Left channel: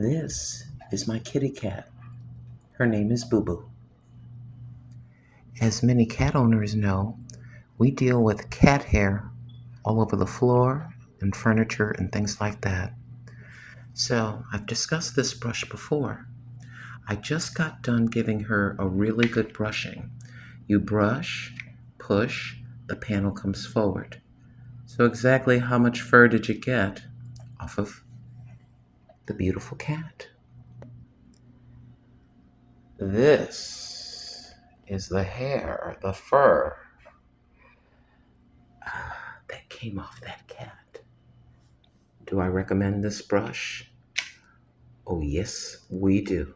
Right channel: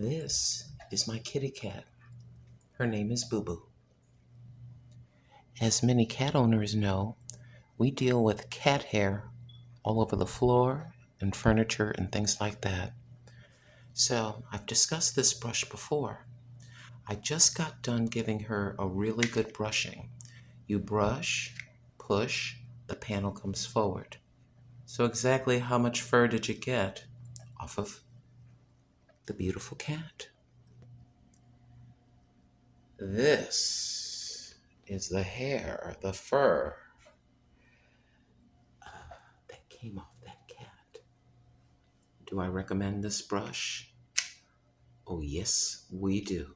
This is my kitty cat. Her name is Boo Boo. As many cat owners know, we deal with cat hair all over the floor and furniture and things like that. So I've discussed this brush before. I just got done giving her a really good brushing. You brush, push, the panel comes forward. So exactly how much fur did you get off of the beautiful cat? This is the hair, the fur that came off that cat. Do I recommend this brush? Oh yes, we do.